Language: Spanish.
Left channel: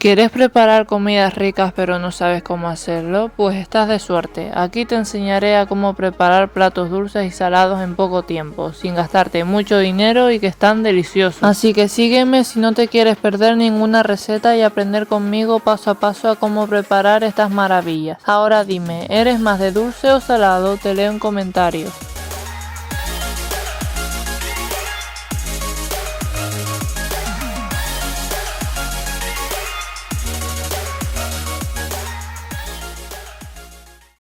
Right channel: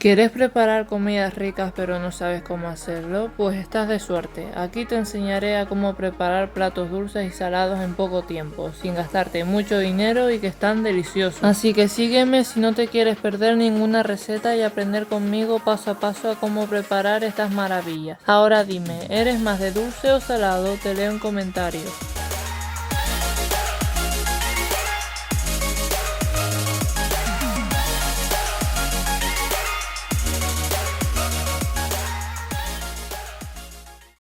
¿Quieres preparar comidas ricas pero no sabes cómo hacerlo? Pues estás de suerte. Aquí te enseñaré a cómo preparar platos dulces y salados en poco tiempo, sin gastarte mucho dinero y que están deliciosos. Así que sígueme si no te quieres perder ninguna receta y aprender conmigo paso a paso a cómo preparar estas maravillas. Ahora dime, ¿eres más de dulce o salado? Te leo en comentarios.